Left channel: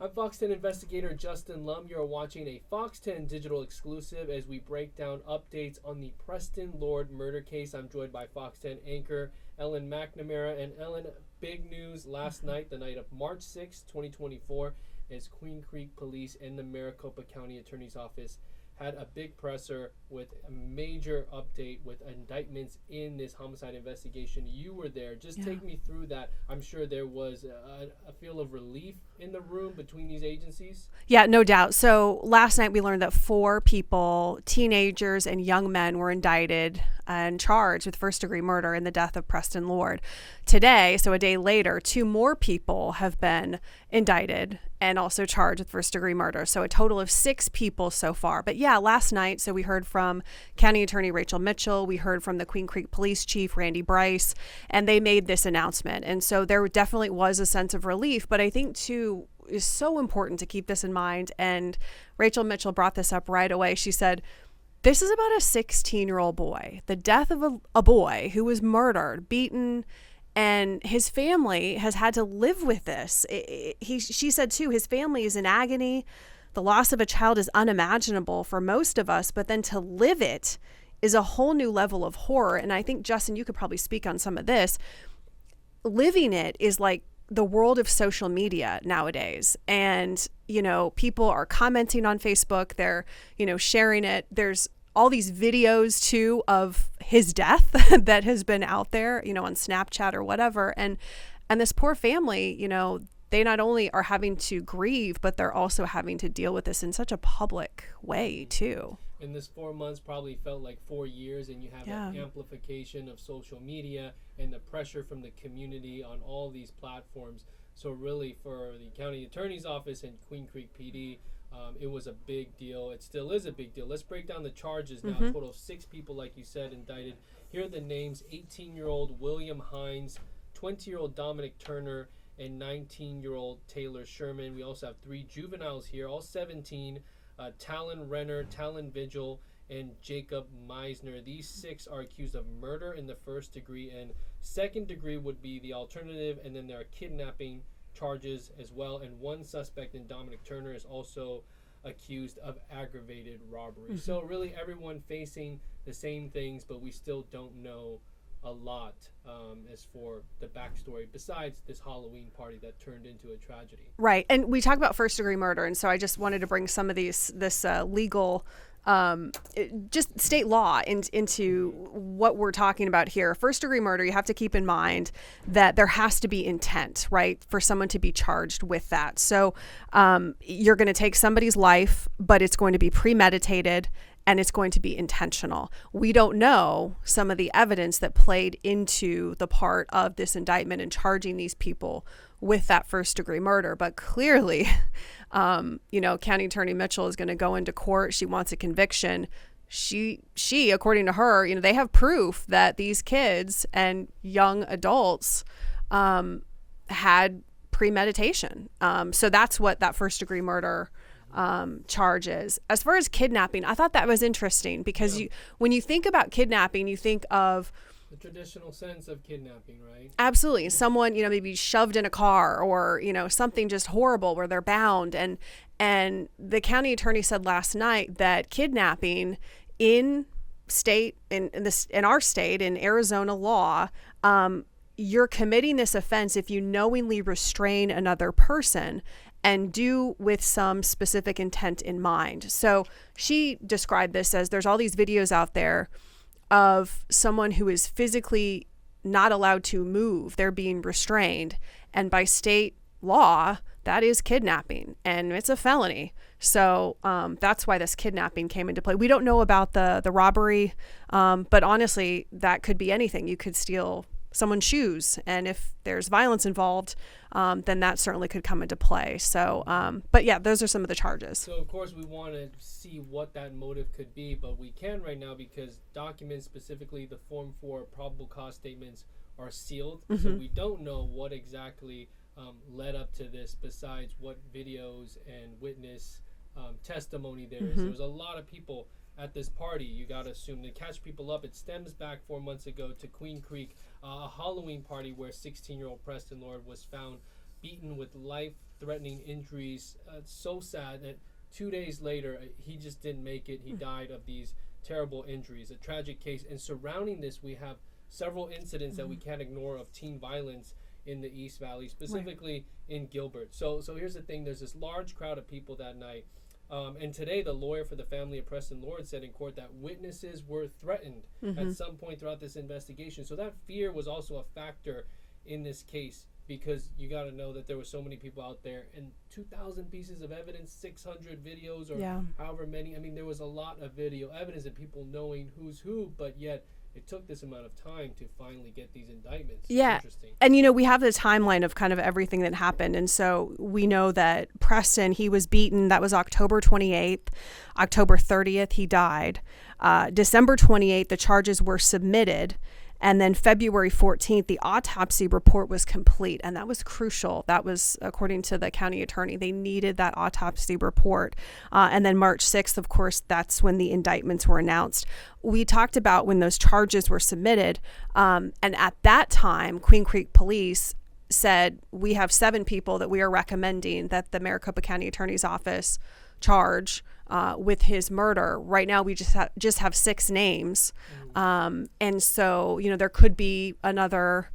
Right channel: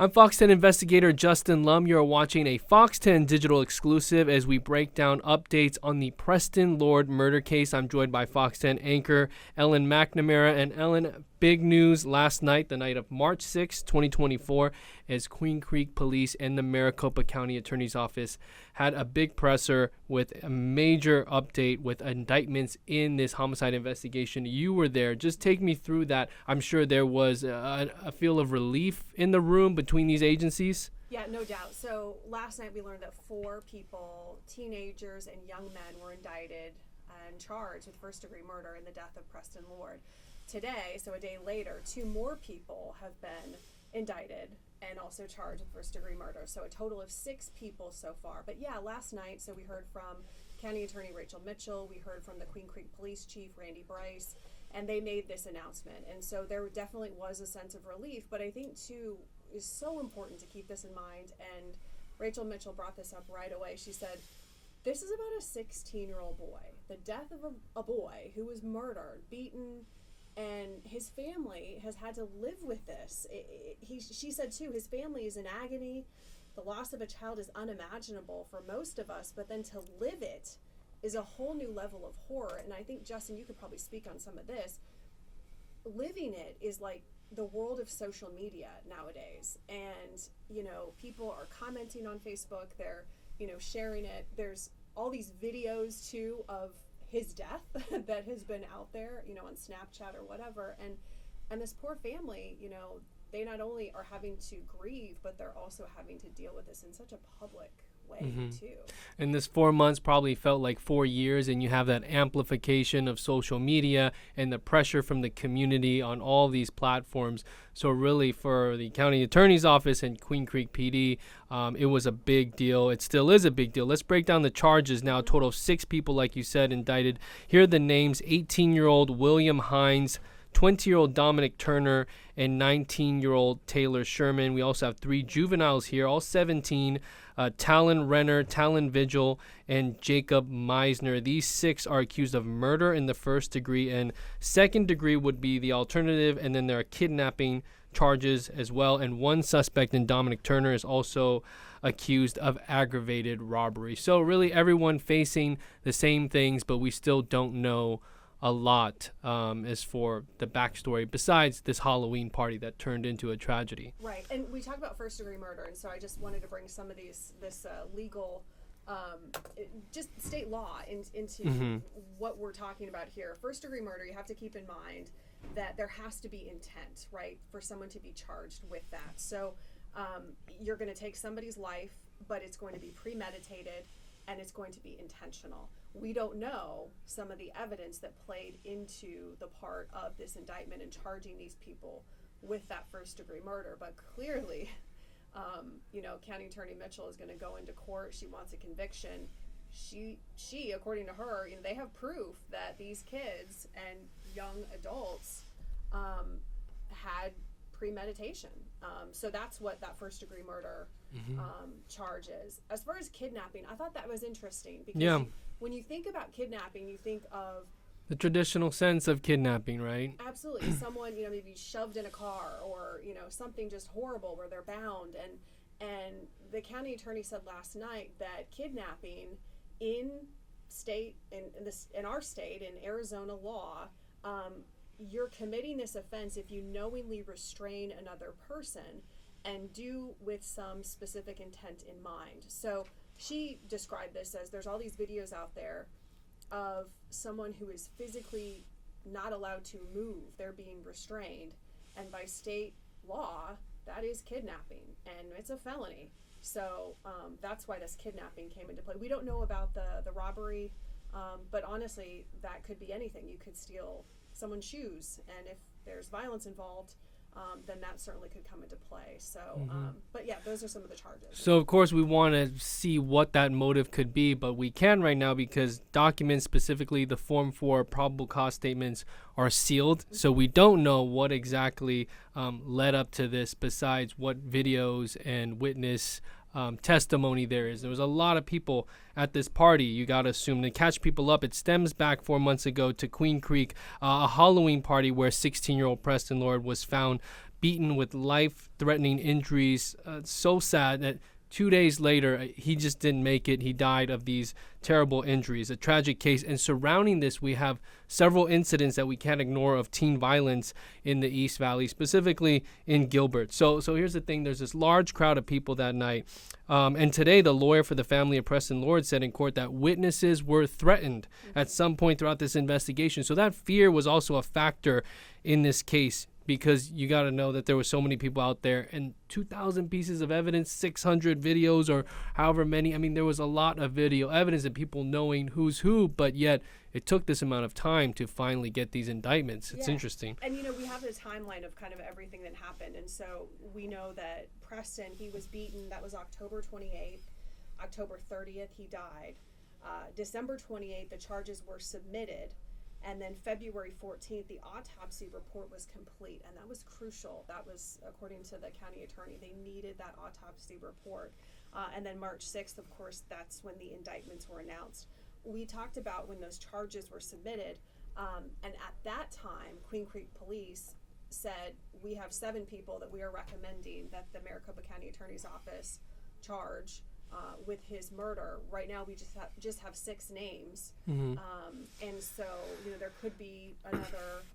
I'm Fox 10 investigator Justin Lum. You're watching a Fox 10 digital exclusive as we break down updates on the Preston Lord murder case. I'm joined by Fox 10 anchor Ellen McNamara. And Ellen, big news last night, the night of March 6, 2024, as Queen Creek Police and the Maricopa County Attorney's Office had a big presser with a major update with indictments in this homicide investigation. You were there. Just take me through that. I'm sure there was a feel of relief in the room between these agencies. Yeah, no doubt. So last night we learned that 4 people, teenagers and young men, were indicted and charged with first-degree murder in the death of Preston Lord. Today, so a day later, 2 more people have been indicted and also charged with first-degree murder. So a total of 6 people so far. But yeah, last night, so we heard from County Attorney Rachel Mitchell. We heard from the Queen Creek Police Chief, Randy Bryce, and they made this announcement. And so there definitely was a sense of relief. But I think, too, is so important to keep this in mind. And Rachel Mitchell brought this up right away. She said, this is about a 16-year-old boy, the death of a boy who was murdered, beaten, and his family has had to live with this. She said, too, his family is in agony. The loss of a child is unimaginable for most of us, but then to live it is a whole new level of horror. And I think, Justin, you could probably speak on some of this. Living it is like the world of social media nowadays. And, you know, people are commenting on Facebook. They're, you know, sharing it. There's all these videos too of his death that has been out there, you know, on Snapchat or whatever. And this poor family, you know, they not only are having to grieve, but they're also having to deal with this in such a public way too. And this 4 months probably felt like 4 years, and you have that amplification of social media and the pressure from the community on all these platforms. So really, for the county attorney's office and Queen Creek PD, it was a big deal. It still is a big deal. Let's break down the charges now. A total of 6 people, like you said, indicted. Here are the names: 18-year-old William Hines, 20-year-old Dominic Turner, and 19-year-old Taylor Sherman. We also have 3 juveniles here, all 17, Talon Renner, Talon Vigil, and Jacob Meisner. These 6 are accused of murder in the first degree, and second degree would be the alternative, and then there are kidnapping charges as well. And 1 suspect in Dominic Turner is also accused of aggravated robbery. So really everyone facing the same things, but we still don't know a lot as for the backstory besides this Halloween party that turned into a tragedy. Right. And we talk about first degree murder. And so I just wanted to bring some of this legal, just state law into what we're talking about here. First degree murder, you have to keep in mind that there has to be intent, right, for someone to be charged with that. So you're going to take somebody's life, but it's going to be premeditated, and it's going to be intentional. We don't know some of the evidence that played into the part of this indictment and charging these people with that first degree murder. But clearly, you know, County Attorney Mitchell is going to go into court. She wants a conviction. She, according to her, you know, they have proof that these kids and young adults had premeditation. So that's what that first degree murder charges. As far as kidnapping, I thought that was interesting because when you think about kidnapping, you think of the traditional sense of kidnapping, right? Absolutely. Someone, you know, maybe shoved in a car or, you know, something just horrible where they're bound. And the county attorney said last night that kidnapping in our state, in Arizona law, you're committing this offense if you knowingly restrain another person and do with some specific intent in mind. So she described this as there's all these videos out there of someone who is physically not allowed to move. They're being restrained. And by state law, that is kidnapping, and it's a felony. So that's why this kidnapping came into play. We don't know about the robbery, but honestly, that could be anything. You could steal someone's shoes, and if there's violence involved, then that certainly could come into play. So, but yeah, those are some of the charges. So of course we want to see what that motive could be, but we can right now because documents, specifically the Form 4 probable cause statements, are sealed. So we don't know what exactly led up to this besides what videos and witness testimony there is. There was a lot of people at this party. You got to assume to catch people up. It stems back 4 months ago to Queen Creek, a Halloween party where 16-year-old Preston Lord was found beaten with life-threatening injuries. So sad that 2 days later, he just didn't make it. He died of these terrible injuries. A tragic case. And surrounding this, we have several incidents that we can't ignore of teen violence in the East Valley, specifically in Gilbert. So here's the thing. There's this large crowd of people that night. And today, the lawyer for the family of Preston Lord said in court that witnesses were threatened at some point throughout this investigation. So that fear was also a factor in this case, because you got to know that there were so many people out there and 2,000 pieces of evidence, 600 videos or however many. I mean, there was a lot of video evidence and people knowing who's who, but yet it took this amount of time to finally get these indictments. It's interesting. And, you know, we have the timeline of kind of everything that happened. And so we know that Preston, he was beaten. That was October 28th. October 30th, he died. December 28th, the charges were submitted. And then February 14th, the autopsy report was complete. And that was crucial. That was, according to the county attorney, they needed that autopsy report. And then March 6th, of course, that's when the indictments were announced. We talked about when those charges were submitted. And at that time, Queen Creek Police said, we have 7 people that we are recommending that the Maricopa County Attorney's Office charge with his murder. Right now, we just have 6 names. And so, you know, there could be another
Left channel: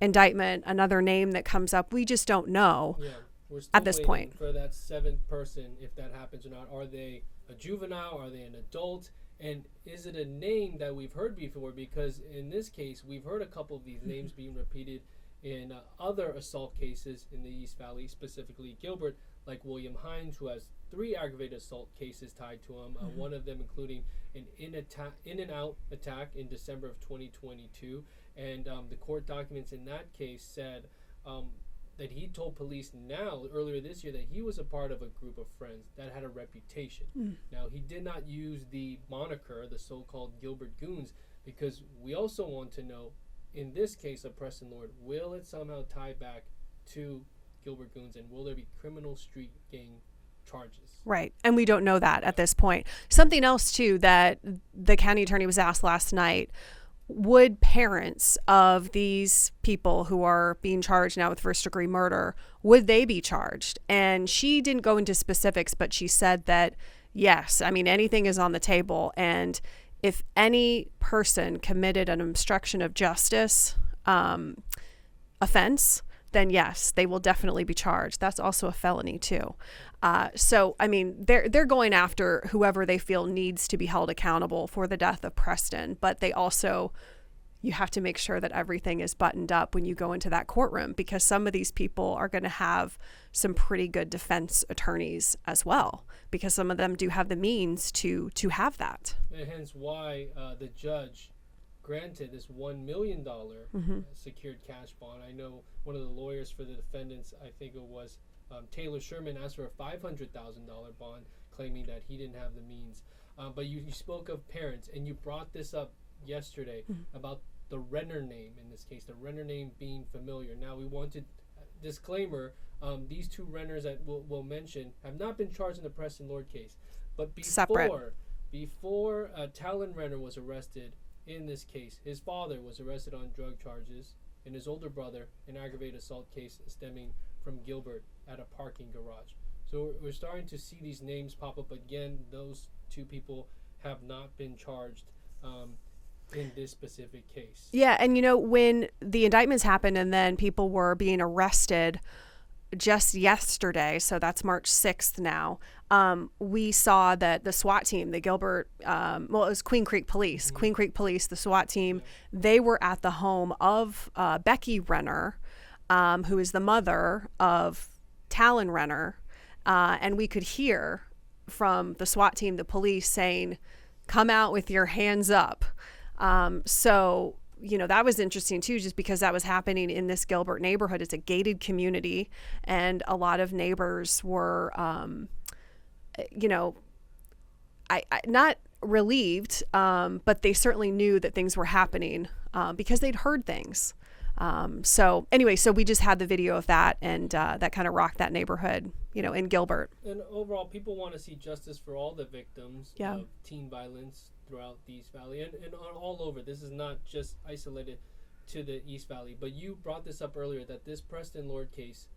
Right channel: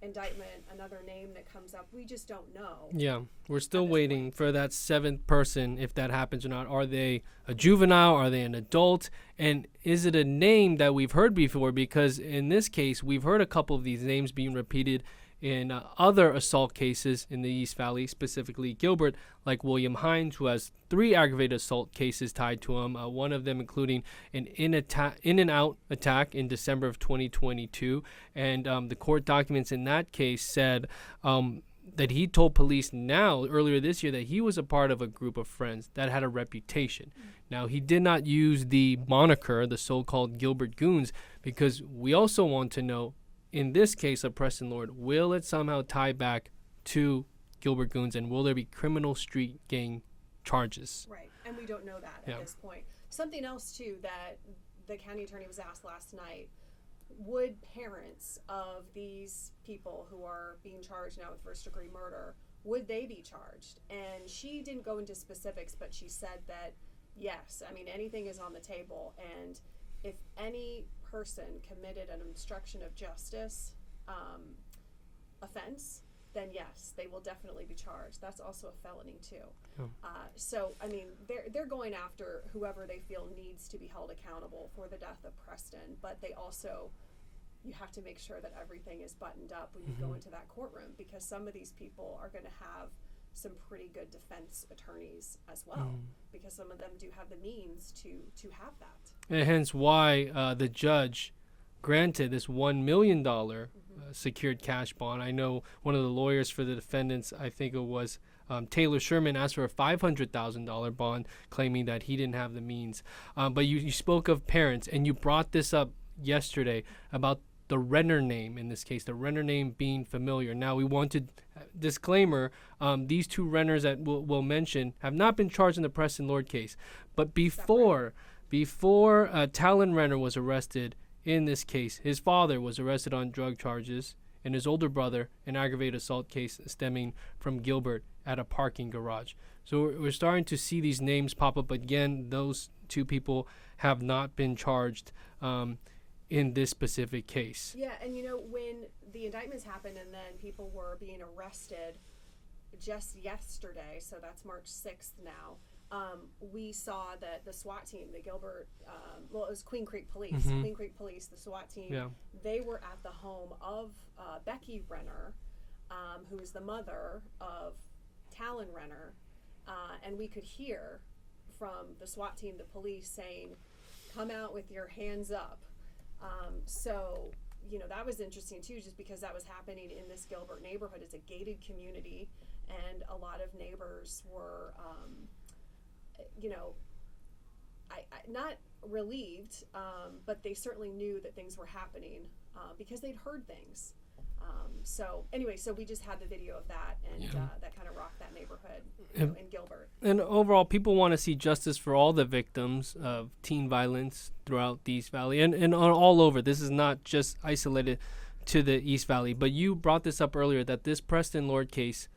indictment, another name that comes up. We just don't know. Yeah, we're still waiting for that 7th person, if that happens or not. Are they a juvenile? Are they an adult? And is it a name that we've heard before? Because in this case, we've heard a couple of these names being repeated in other assault cases in the East Valley, specifically Gilbert, like William Hines, who has 3 aggravated assault cases tied to him, one of them including an in-and-out attack in December of 2022. And the court documents in that case said that he told police earlier this year, that he was a part of a group of friends that had a reputation. Now, he did not use the moniker, the so-called Gilbert Goons, because we also want to know, in this case of Preston Lord, will it somehow tie back to Gilbert Goons, and will there be criminal street gang charges? Right. And we don't know that at this point. Something else, too, that the county attorney was asked last night, would parents of these people who are being charged now with first-degree murder, would they be charged? And she didn't go into specifics, but she said that, yes, I mean, anything is on the table. And if any person committed an obstruction of justice offense, then yes, they will definitely be charged. That's also a felony too. So, I mean, they're going after whoever they feel needs to be held accountable for the death of Preston, but they also, you have to make sure that everything is buttoned up when you go into that courtroom, because some of these people are going to have some pretty good defense attorneys as well, because some of them do have the means to have that. And hence why the judge granted this $1 million secured cash bond. I know one of the lawyers for the defendants, I think it was Taylor Sherman, asked for a $500,000 bond, claiming that he didn't have the means. But you spoke of parents, and you brought this up yesterday about the Renner name, in this case, the Renner name being familiar. Now, we wanted disclaimer, these 2 Renners that we'll mention have not been charged in the Preston Lord case. But before Talon Renner was arrested in this case, his father was arrested on drug charges, and his older brother an aggravated assault case stemming from Gilbert at a parking garage. So we're starting to see these names pop up again. Those 2 people have not been charged in this specific case. Yeah, and you know, when the indictments happened and then people were being arrested just yesterday, so that's March 6th now, we saw that the SWAT team, the Gilbert, it was Queen Creek Police, the SWAT team, they were at the home of Becky Renner, who is the mother of Talon Renner, and we could hear from the SWAT team, the police, saying, "Come out with your hands up." So, you know, that was interesting too, just because that was happening in this Gilbert neighborhood. It's a gated community, and a lot of neighbors were, you know, I not relieved, but they certainly knew that things were happening because they'd heard things. So anyway, so we just had the video of that, and that kind of rocked that neighborhood, you know, in Gilbert. And overall, people want to see justice for all the victims of teen violence throughout the East Valley and all over. This is not just isolated to the East Valley. But you brought this up earlier, that this Preston Lord case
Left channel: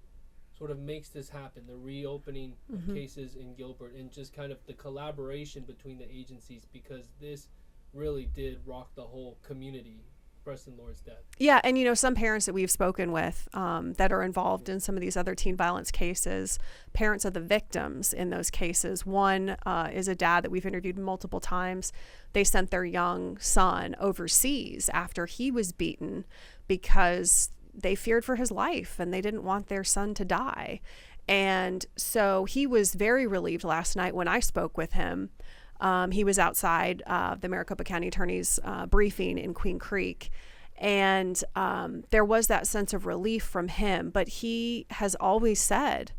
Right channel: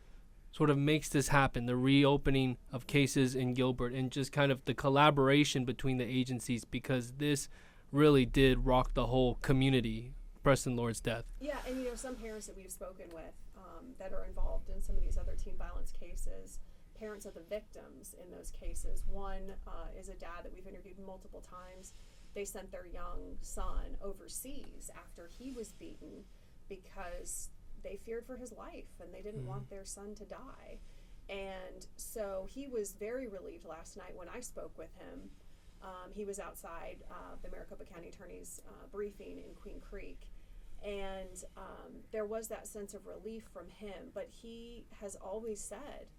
sort of makes this happen, the reopening of cases in Gilbert, and just kind of the collaboration between the agencies, because this really did rock the whole community, Preston Lord's death. Yeah, and some parents that we've spoken with that are involved in some of these other teen violence cases, parents of the victims in those cases. One is a dad that we've interviewed multiple times. They sent their young son overseas after he was beaten because they feared for his life and they didn't want their son to die. And so he was very relieved last night when I spoke with him. He was outside the Maricopa County Attorney's briefing in Queen Creek, and there was that sense of relief from him. But he has always said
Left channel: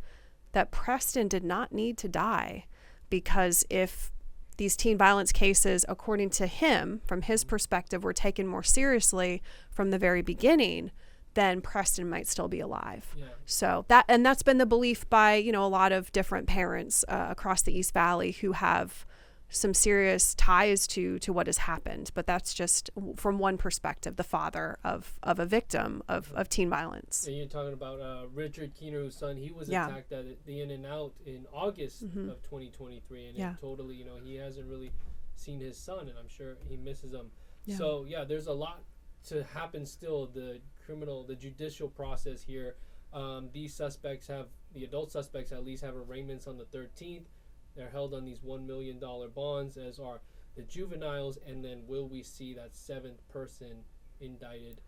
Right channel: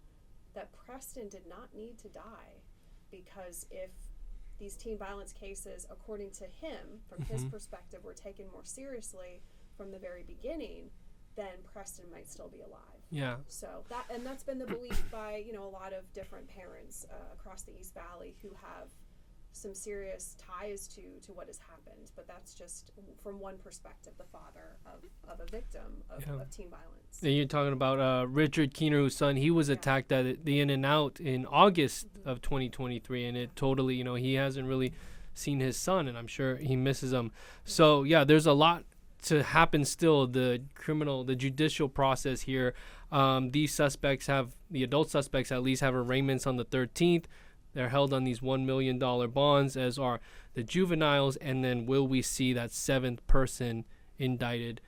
that Preston did not need to die, because if these teen violence cases, according to him, from his perspective, were taken more seriously from the very beginning, then Preston might still be alive. Yeah. So that's been the belief by a lot of different parents across the East Valley who have some serious ties to what has happened. But that's just from one perspective, the father of a victim of teen violence. And you're talking about Richard Keener, whose son, he was attacked at the In-N-Out in August of 2023, and it totally, he hasn't really seen his son, and I'm sure he misses him. Yeah. So there's a lot to happen still. The judicial process here. These suspects the adult suspects at least have arraignments on the 13th. They're held on these $1 million bonds, as are the juveniles. And then will we see that seventh person indicted?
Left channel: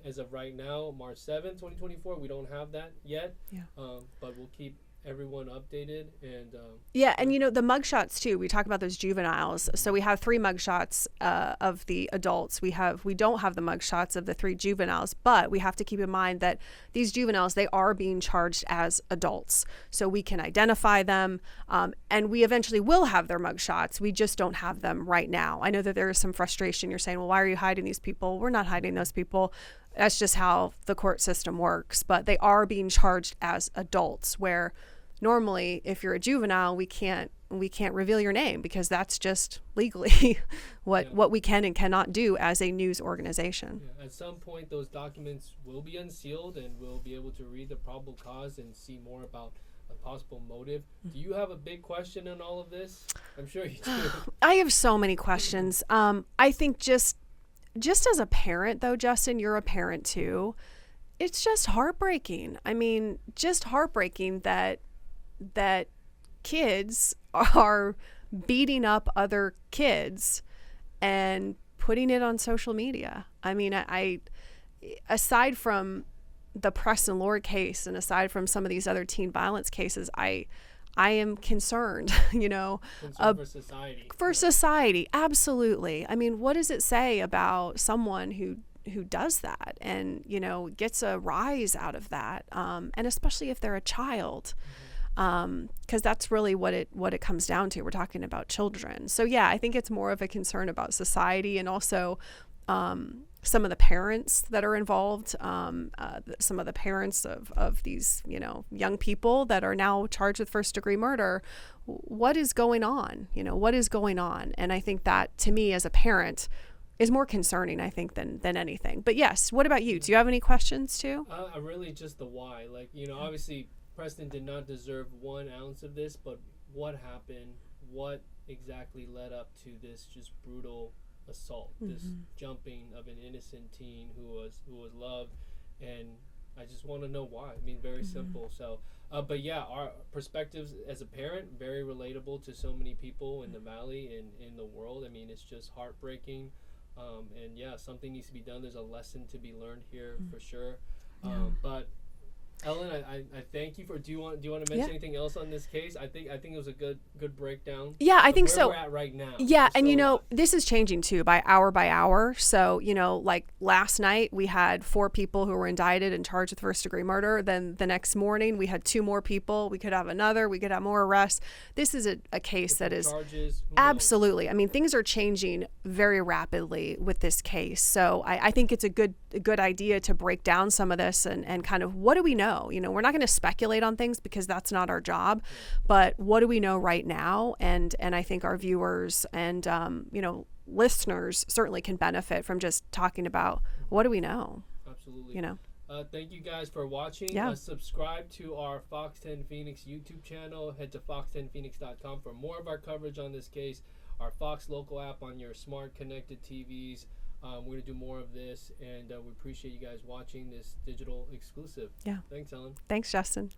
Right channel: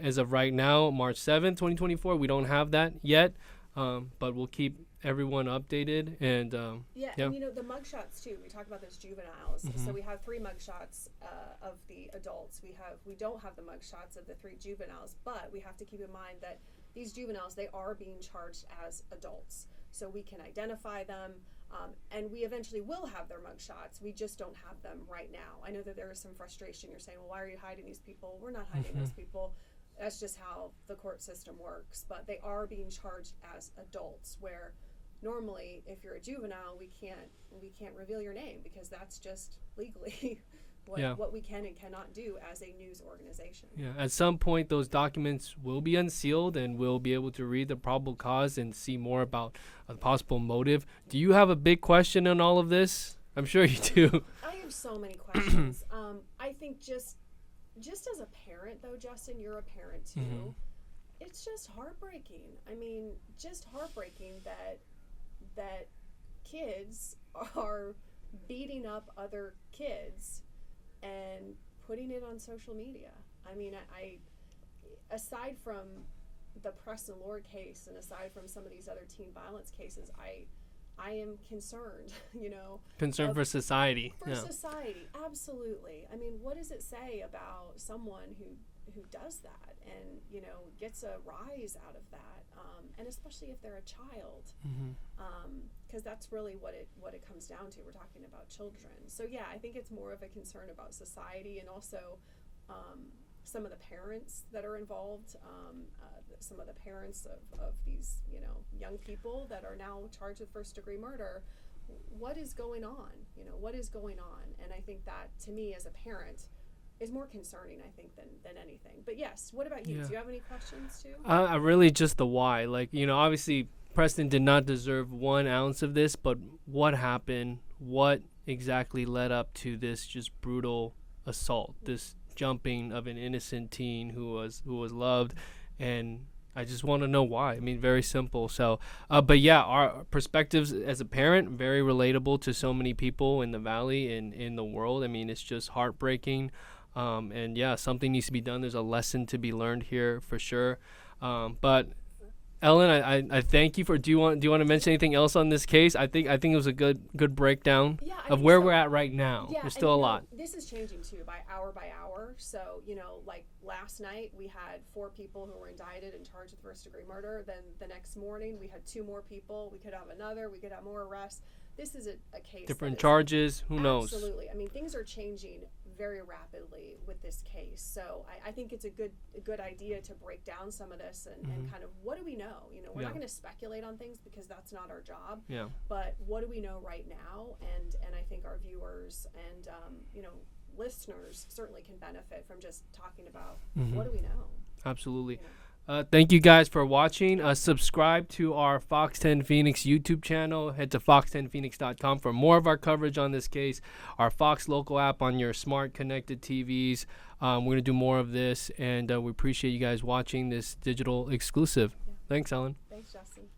As of right now, March 7th, 2024, we don't have that yet, but we'll keep everyone updated. And and the mugshots too, we talk about those juveniles. So we have 3 mugshots of the adults. We don't have the mugshots of the 3 juveniles, but we have to keep in mind that these juveniles, they are being charged as adults, so we can identify them, and we eventually will have their mugshots. We just don't have them right now. I know that there is some frustration. You're saying, well, why are you hiding these people? We're not hiding those people. That's just how the court system works. But they are being charged as adults, where normally if you're a juvenile, we can't reveal your name, because that's just legally what we can and cannot do as a news organization. Yeah. At some point, those documents will be unsealed, and we'll be able to read the probable cause and see more about a possible motive. Do you have a big question on all of this? I'm sure you do. I have so many questions. I think just as a parent, though, Justin, you're a parent too. It's just heartbreaking. I mean, just heartbreaking that kids are beating up other kids and putting it on social media. I mean, I aside from the Preston Lord case and aside from some of these other teen violence cases, I am concerned, Concerned for society. For society, absolutely. I mean, what does it say about someone who does that and, gets a rise out of that, and especially if they're a child, because that's really what it comes down to. We're talking about children. So, I think it's more of a concern about society, and also some of the parents that are involved, some of the parents of these, young people that are now charged with first-degree murder. What is going on? What is going on? And I think that, to me as a parent, is more concerning, I think, than anything. But yes, what about you? Yeah. Do you have any questions too? Really just the why. Obviously Preston did not deserve 1 ounce of this, but what happened? What exactly led up to this just brutal assault, this jumping of an innocent teen who was loved? And I just want to know why. I mean, very simple. So, our perspectives as a parent, very relatable to so many people in the Valley and in the world. I mean, it's just heartbreaking. Something needs to be done. There's a lesson to be learned here for sure. But Ellen, I thank you for. Do you want to mention anything else on this case? I think it was a good breakdown. Yeah, I think where so. We're at right now. Yeah, and this is changing too by hour. So like last night we had 4 people who were indicted and charged with first-degree murder. Then the next morning we had 2 more people. We could have another. We could have more arrests. This is a case different that is charges. Who absolutely. knows? I mean, things are changing very rapidly with this case. So I think it's a good idea to break down some of this and kind of, what do we know? We're not going to speculate on things because that's not our job. Yeah. But what do we know right now? And I think our viewers and listeners certainly can benefit from just talking about what do we know. Absolutely. Thank you guys for watching. Yeah. Subscribe to our Fox 10 Phoenix YouTube channel. Head to fox10phoenix.com for more of our coverage on this case. Our Fox local app on your smart connected TVs. We're going to do more of this, and we appreciate you guys watching this digital exclusive. Yeah. Thanks, Ellen. Thanks, Justin.